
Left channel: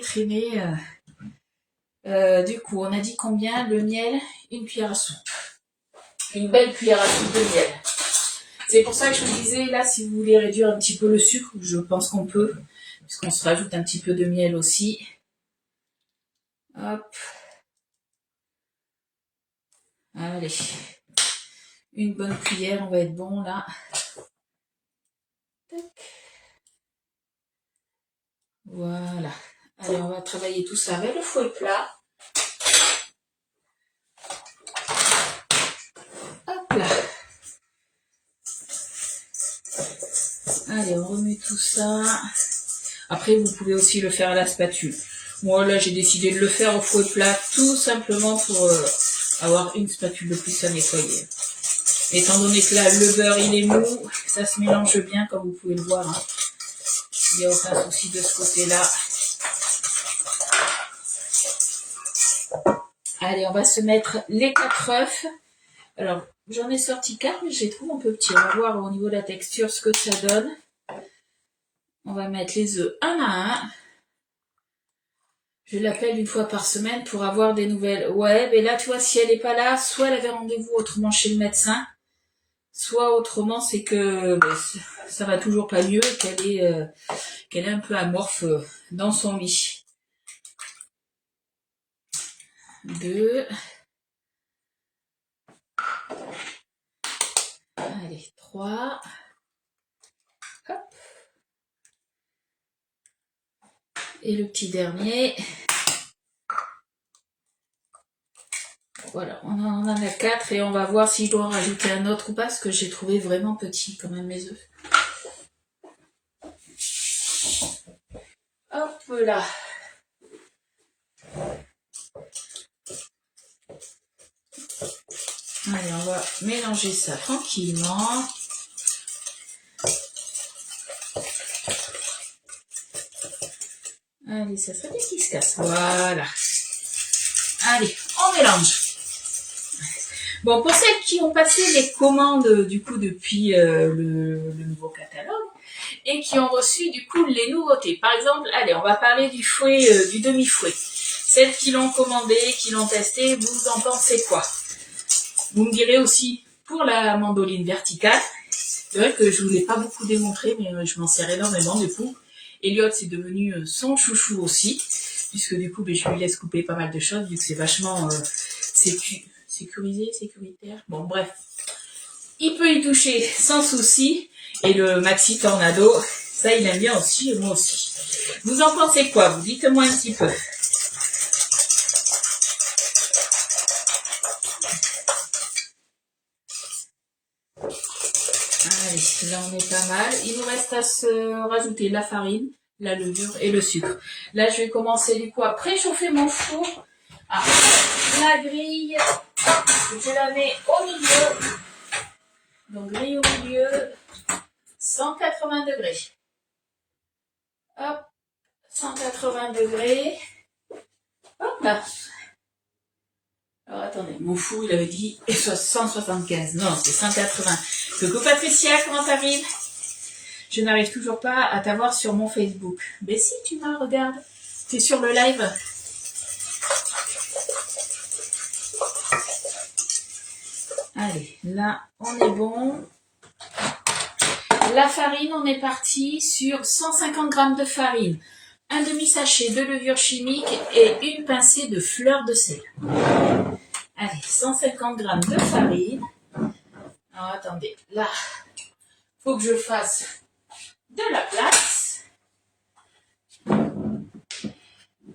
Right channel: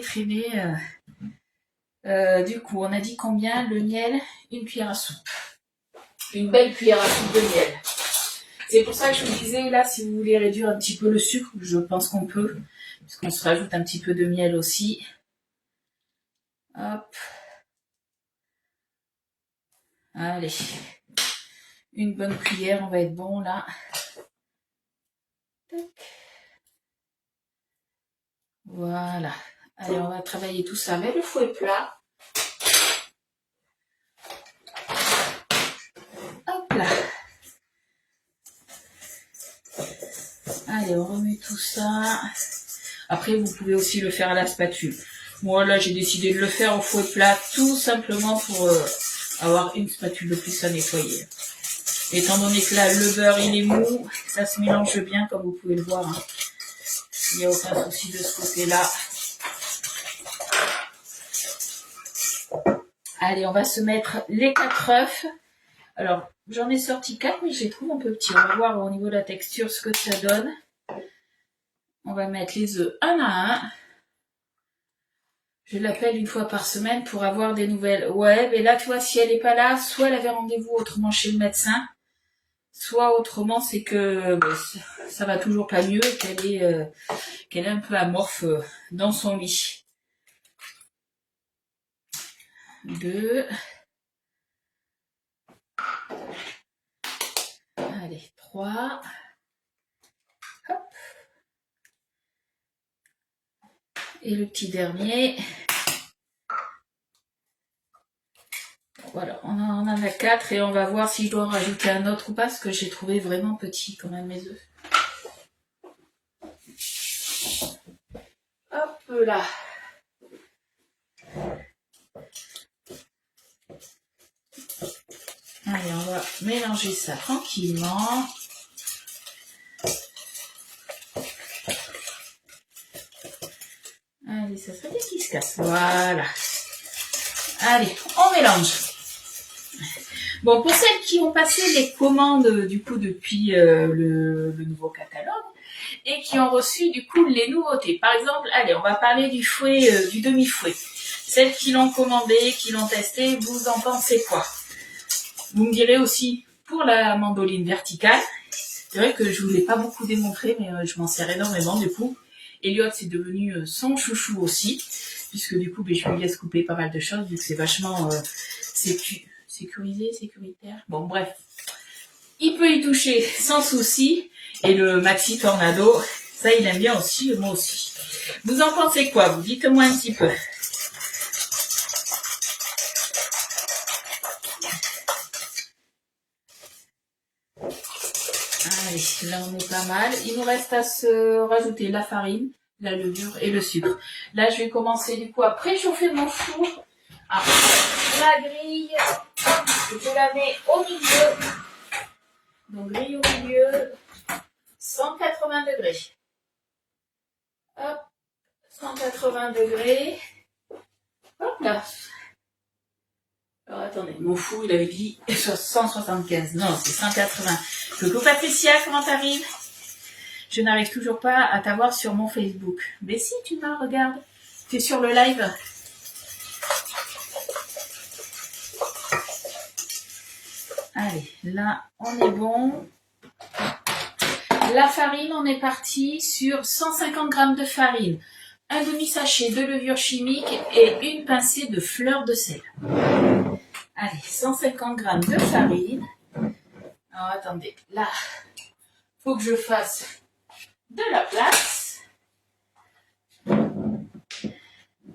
Du coup, on a dit combien? Le miel, une cuillère à soupe. Une belle cuillère à soupe de miel. C'est pour ça que je vous disais, là, si vous voulez réduire un petit peu le sucre, je pense qu'on peut. Puisqu'on se rajoute un petit peu de miel aussi. Hop. Allez. Une bonne cuillère, on va être bon là. Tac. Voilà. Allez, on va travailler tout ça avec le fouet plat. Hop là. Allez, on remet tout ça. Après, vous pouvez aussi le faire à la spatule. Moi, là, j'ai décidé de le faire au fouet plat tout simplement pour avoir une spatule de plus à nettoyer. Étant donné que là, le beurre, il est mou, ça se mélange bien, comme vous pouvez le voir. Hein. Il n'y a aucun souci de ce côté-là. Allez, on va se mettre les 4 œufs. Alors, j'en ai sorti 4, mais je les trouve un peu petits. On va voir au niveau de la texture ce que ça donne. On va mettre les œufs un à un. Je l'appelle une fois par semaine pour avoir des nouvelles. Ouais, mais là, tu vois, si elle n'est pas là, soit elle avait rendez-vous autrement chez le médecin, soit autrement, c'est que ça va toujours pas mieux et qu'elle est un peu amorphe dans son lit. 2. Allez, 3. Hop. Et le petit dernier. Voilà, on en a 4 et on va voir si je dois en rajouter un autre ou pas, parce que j'ai trouvé vraiment petit quand même mes œufs. Hop là. Allez, on va mélanger ça tranquillement. Allez, ça serait bien qu'il se casse. Voilà. Allez, on mélange. Bon, pour celles qui ont passé les commandes du coup depuis le nouveau catalogue et qui ont reçu du coup les nouveautés. Par exemple, allez, on va parler du fouet, du demi-fouet. Celles qui l'ont commandé, qui l'ont testé, vous en pensez quoi? Vous me direz aussi pour la mandoline verticale. C'est vrai que je ne vous l'ai pas beaucoup démontré, mais je m'en sers énormément du coup. Elliot, c'est devenu son chouchou aussi, puisque du coup, je lui laisse couper pas mal de choses, vu que c'est vachement sécurisé, sécuritaire. Bon, bref. Il peut y toucher sans souci. Et le Maxi Tornado, ça, il aime bien aussi, et moi aussi. Vous en pensez quoi? Vous dites-moi un petit peu. Allez, là, on est pas mal. Il nous reste à se rajouter la farine, la levure et le sucre. Là, je vais commencer du coup à préchauffer mon four. Alors, la grille, je la mets au milieu. Donc, grille au milieu, 180 degrés. Hop, 180 degrés. Hop là. Alors, attendez, mon four, il avait dit 175. Non, c'est 180. Coucou Patricia, comment t'arrives? Je n'arrive toujours pas à t'avoir sur mon Facebook. Mais si, tu m'as, regarde. Tu es sur le live. Allez, là, on est bon. La farine, on est parti sur 150 g de farine, un demi-sachet de levure chimique et une pincée de fleur de sel. Allez, 150 g de farine. Alors, attendez, là, faut que je fasse de la place.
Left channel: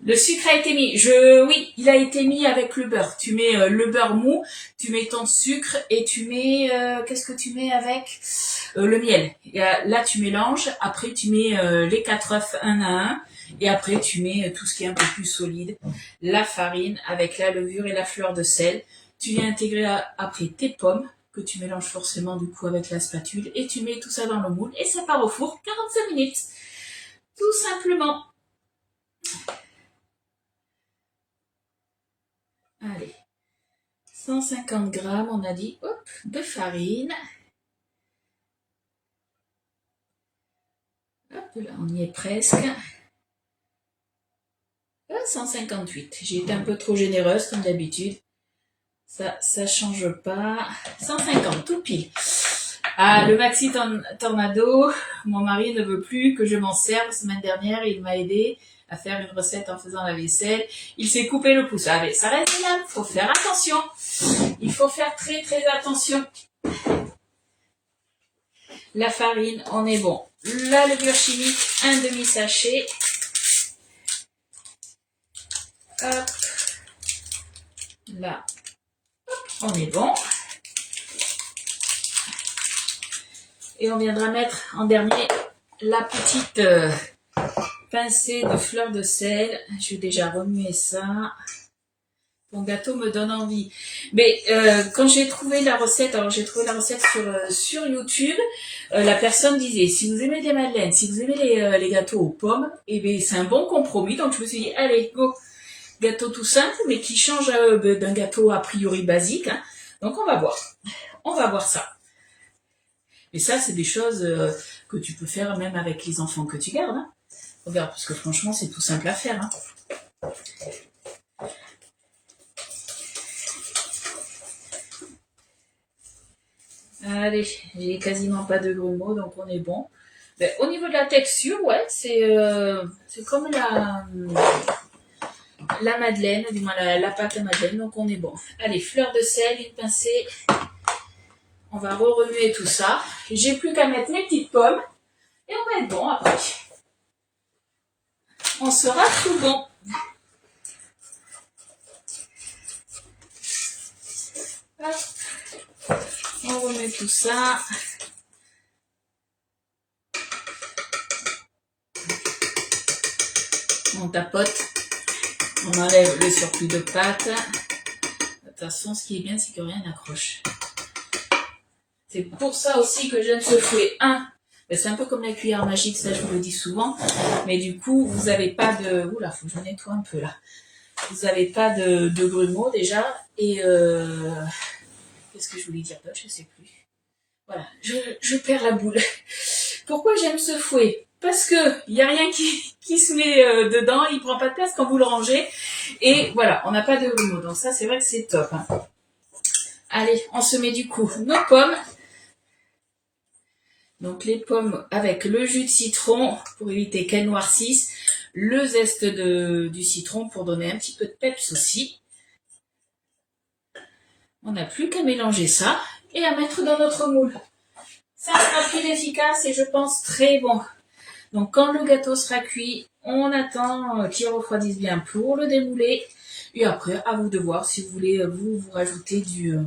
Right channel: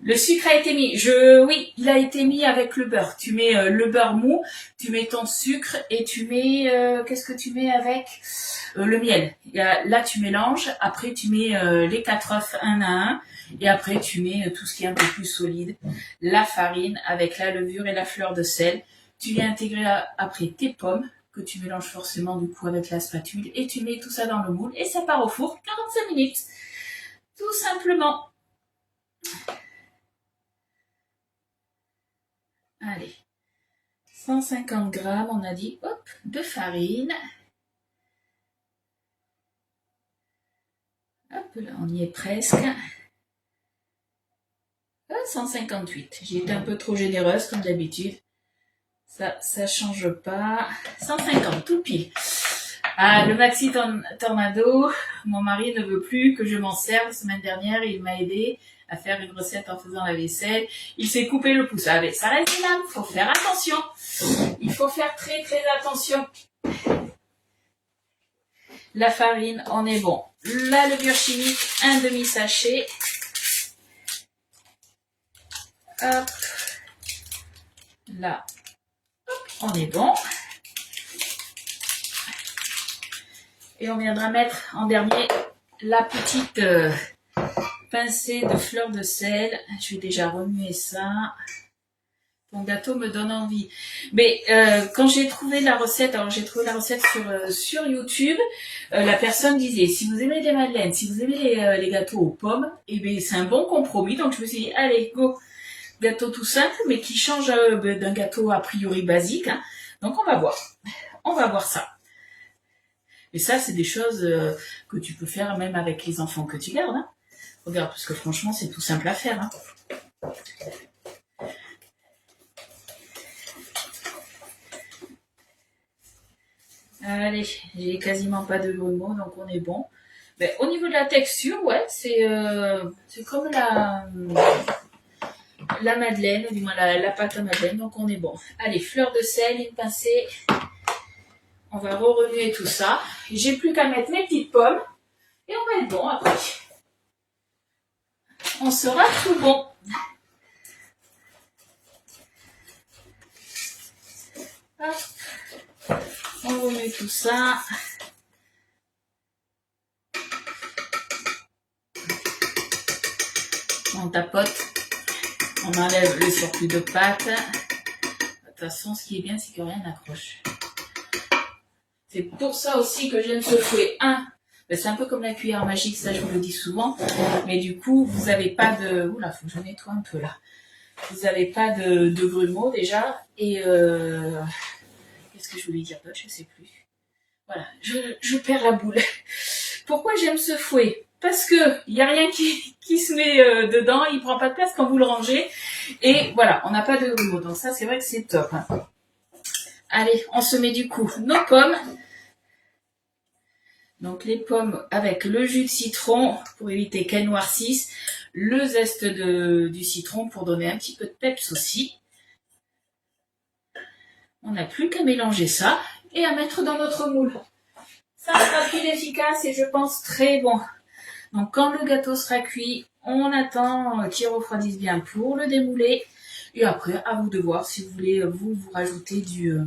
Le sucre a été mis. Oui, il a été mis avec le beurre. Tu mets le beurre mou, tu mets ton sucre et tu mets... qu'est-ce que tu mets avec le miel. Là, tu mélanges. Après, tu mets les 4 œufs un à un. Et après, tu mets tout ce qui est un peu plus solide. La farine avec la levure et la fleur de sel. Tu viens intégrer après tes pommes que tu mélanges forcément du coup avec la spatule. Et tu mets tout ça dans le moule et ça part au four 45 minutes. Tout simplement. Allez, 150 g, on a dit, hop, de farine. Hop, là, on y est presque. 158. J'ai été un peu trop généreuse, comme d'habitude. Ça change pas. 150, tout pile. Ah, le Maxi Tornado, mon mari ne veut plus que je m'en serve. La semaine dernière, il m'a aidé à faire une recette en faisant la vaisselle. Il s'est coupé le pouce. Allez, ça reste là, il faut faire attention. Il faut faire très très attention. La farine, on est bon. La levure chimique, un demi-sachet. Hop. Là, on est bon. Et on viendra mettre en dernier la petite pincée de fleur de sel. Je vais déjà remuer ça. Ton gâteau me donne envie. Mais quand j'ai trouvé la recette, alors j'ai trouvé la recette sur YouTube, la personne disait, si vous aimez les madeleines, si vous aimez les gâteaux aux pommes, eh bien c'est un bon compromis. Donc je me suis dit, allez, go. Gâteau tout simple, mais qui change d'un gâteau a priori basique. Hein. Donc on va voir. On va voir ça. Et ça, c'est des choses que tu peux faire même avec les enfants que tu gardes. Hein. Regarde, parce que franchement, c'est tout simple à faire. Hein. Allez, j'ai quasiment pas de grumeaux, donc on est bon. Mais au niveau de la texture, ouais, c'est comme la madeleine, du moins la pâte à madeleine, donc on est bon. Allez, fleur de sel, une pincée. On va remuer tout ça. J'ai plus qu'à mettre mes petites pommes et on va être bon après. On sera tout bon. Hop. On remet tout ça. On tapote. On enlève le surplus de pâte. De toute façon, ce qui est bien, c'est que rien n'accroche. C'est pour ça aussi que j'aime ce fouet. C'est un peu comme la cuillère magique, ça je vous le dis souvent. Mais du coup, vous n'avez pas de... Oula, faut que je nettoie un peu là. Vous n'avez pas de grumeaux déjà. Et qu'est-ce que je voulais dire d'autre? Je ne sais plus. Voilà, je perds la boule. Pourquoi j'aime ce fouet? Parce que il n'y a rien qui se met dedans, il ne prend pas de place quand vous le rangez. Et voilà, on n'a pas de grumeaux. Donc ça, c'est vrai que c'est top. Hein. Allez, on se met du coup nos pommes. Donc les pommes avec le jus de citron pour éviter qu'elles noircissent. Le zeste du citron pour donner un petit peu de peps aussi. On n'a plus qu'à mélanger ça et à mettre dans notre moule. Ça sera rapide, efficace et je pense très bon. Donc quand le gâteau sera cuit, on attend qu'il refroidisse bien pour le démouler. Et après, à vous de voir si vous voulez vous rajouter du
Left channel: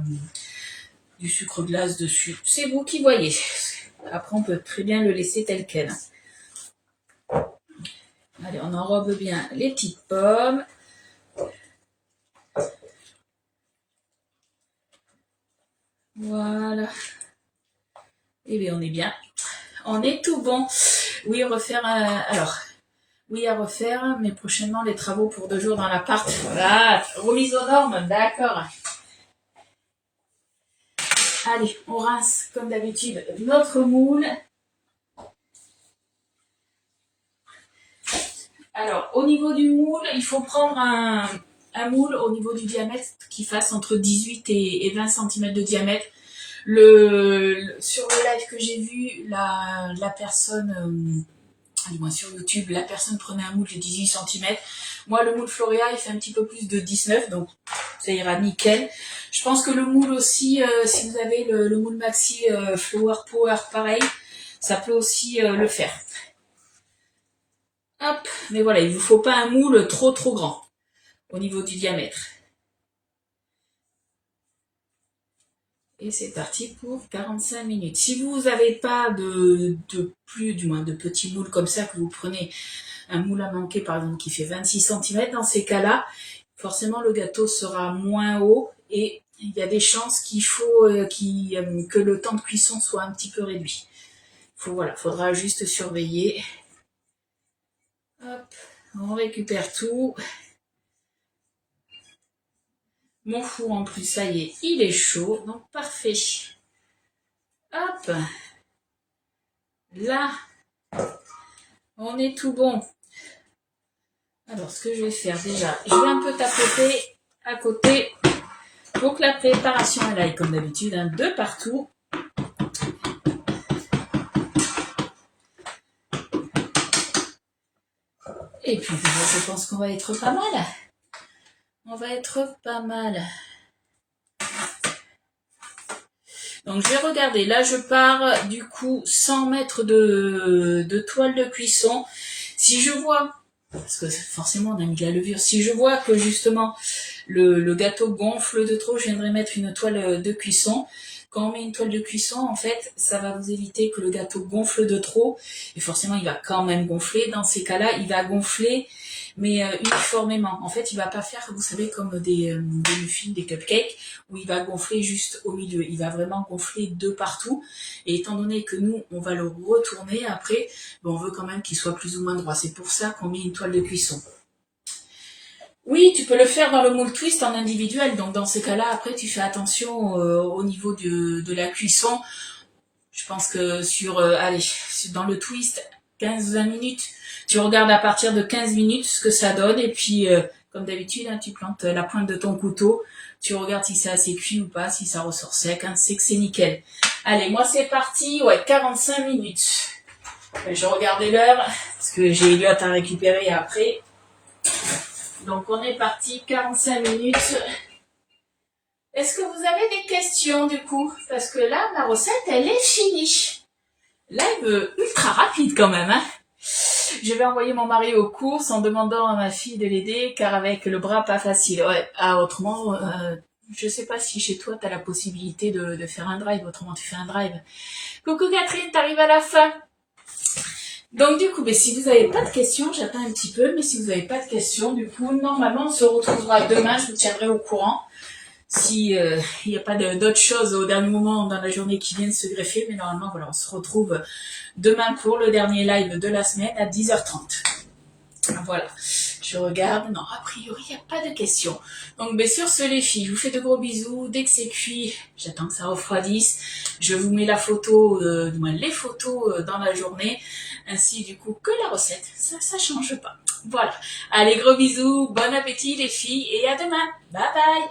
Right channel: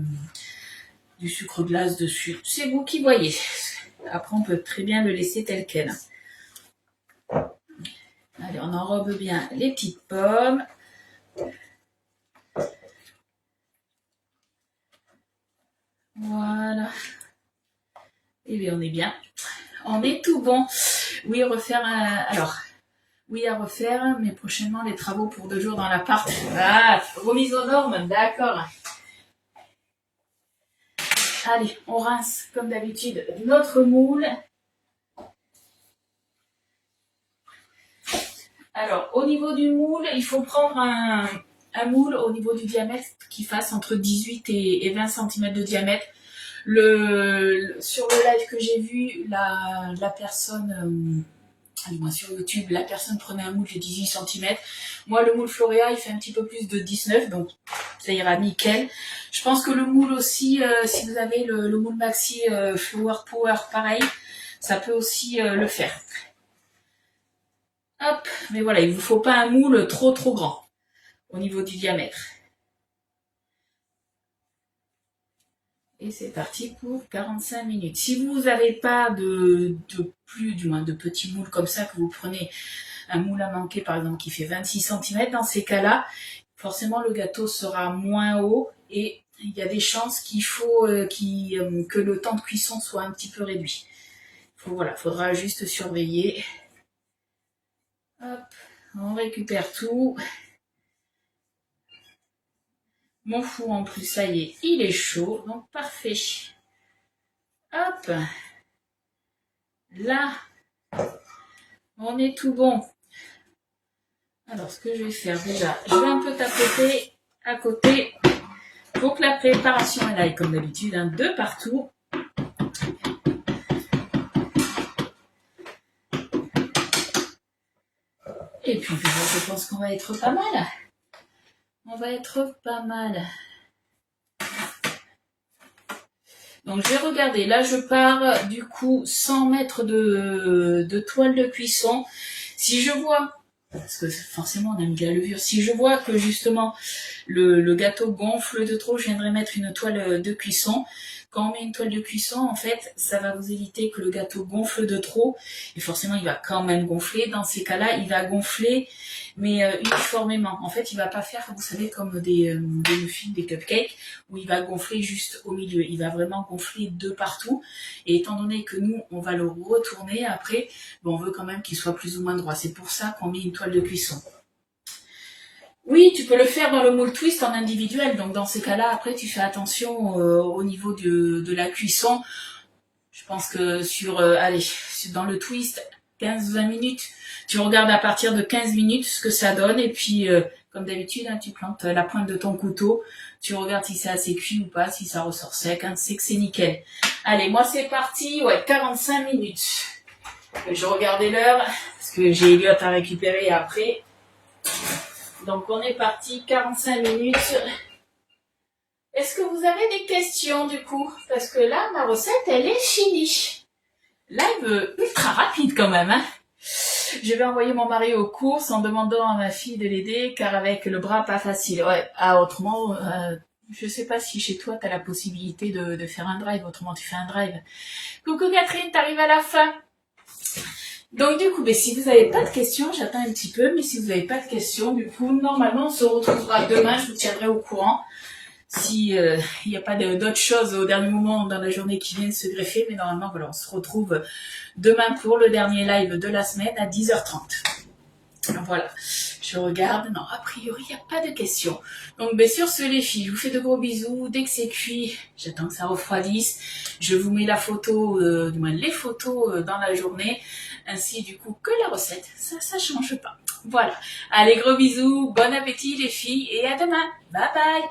sucre glace dessus. C'est vous qui voyez. Après, on peut très bien le laisser tel quel. Allez, on enrobe bien les petites pommes. Voilà. Et bien, on est bien. On est tout bon. Oui, à refaire, mais prochainement les travaux pour 2 jours dans l'appart. Voilà, remise aux normes, d'accord. Allez, on rince comme d'habitude notre moule. Alors, au niveau du moule, il faut prendre un moule au niveau du diamètre qui fasse entre 18 et 20 cm de diamètre. Sur le live que j'ai vu, la personne, du moins sur YouTube, la personne prenait un moule de 18 cm. Moi, le moule Floria, il fait un petit peu plus de 19, donc ça ira nickel. Je pense que le moule aussi, si vous avez le moule Maxi Flower Power, pareil, ça peut aussi le faire. Hop, mais voilà, il ne vous faut pas un moule trop grand au niveau du diamètre. Et c'est parti pour 45 minutes. Si vous n'avez pas de petits moules comme ça, que vous prenez un moule à manquer par exemple qui fait 26 cm, dans ces cas-là, forcément le gâteau sera moins haut et il y a des chances qu'il faut que le temps de cuisson soit un petit peu réduit. Faudra juste surveiller. Hop, on récupère tout. Mon four en plus, ça y est, il est chaud, donc parfait. Hop, là, on est tout bon. Alors, ce que je vais faire déjà, je vais un peu tapoter à côté pour que la préparation elle aille comme d'habitude, hein, de partout. Et puis, je pense qu'on va être pas mal. On va être pas mal. Donc, je vais regarder. Là, je pars, du coup, sans mettre de toile de cuisson. Si je vois, parce que forcément, on a mis de la levure. Si je vois que, justement, le gâteau gonfle de trop, je viendrai mettre une toile de cuisson. Quand on met une toile de cuisson, en fait, ça va vous éviter que le gâteau gonfle de trop. Et forcément, il va quand même gonfler. Dans ces cas-là, il va gonfler, mais uniformément. En fait, il va pas faire, vous savez, comme des muffins, des cupcakes, où il va gonfler juste au milieu. Il va vraiment gonfler de partout. Et étant donné que nous, on va le retourner après, on veut quand même qu'il soit plus ou moins droit. C'est pour ça qu'on met une toile de cuisson. Oui, tu peux le faire dans le moule twist en individuel. Donc dans ce cas-là, après, tu fais attention au niveau de la cuisson. Je pense que allez, dans le twist, 15-20 minutes, tu regardes à partir de 15 minutes ce que ça donne. Et puis, comme d'habitude, hein, tu plantes la pointe de ton couteau. Tu regardes si c'est assez cuit ou pas, si ça ressort sec. Hein, c'est que c'est nickel. Allez, moi c'est parti. Ouais, 45 minutes. Je regardais l'heure parce que j'ai Elliot à récupérer après. Donc on est parti, 45 minutes. Est-ce que vous avez des questions du coup? Parce que là, ma recette, elle est finie. Live ultra rapide quand même. Hein, je vais envoyer mon mari aux courses en demandant à ma fille de l'aider car avec le bras pas facile. Ouais, autrement, je sais pas si chez toi tu as la possibilité de faire un drive. Autrement, tu fais un drive. Coucou Catherine, t'arrives à la fin. Donc du coup, si vous n'avez pas de questions, j'attends un petit peu, mais si vous n'avez pas de questions, du coup, normalement, on se retrouvera demain, je vous tiendrai au courant. Si il n'y a pas d'autres choses au dernier moment dans la journée qui viennent se greffer, mais normalement, voilà, on se retrouve demain pour le dernier live de la semaine à 10h30. Voilà, je regarde, non, a priori, il n'y a pas de questions. Donc, sur ce, les filles, je vous fais de gros bisous. Dès que c'est cuit, j'attends que ça refroidisse. Je vous mets la photo, du moins les photos dans la journée, ainsi du coup que la recette. Ça change pas. Voilà. Allez, gros bisous, bon appétit les filles, et à demain. Bye bye.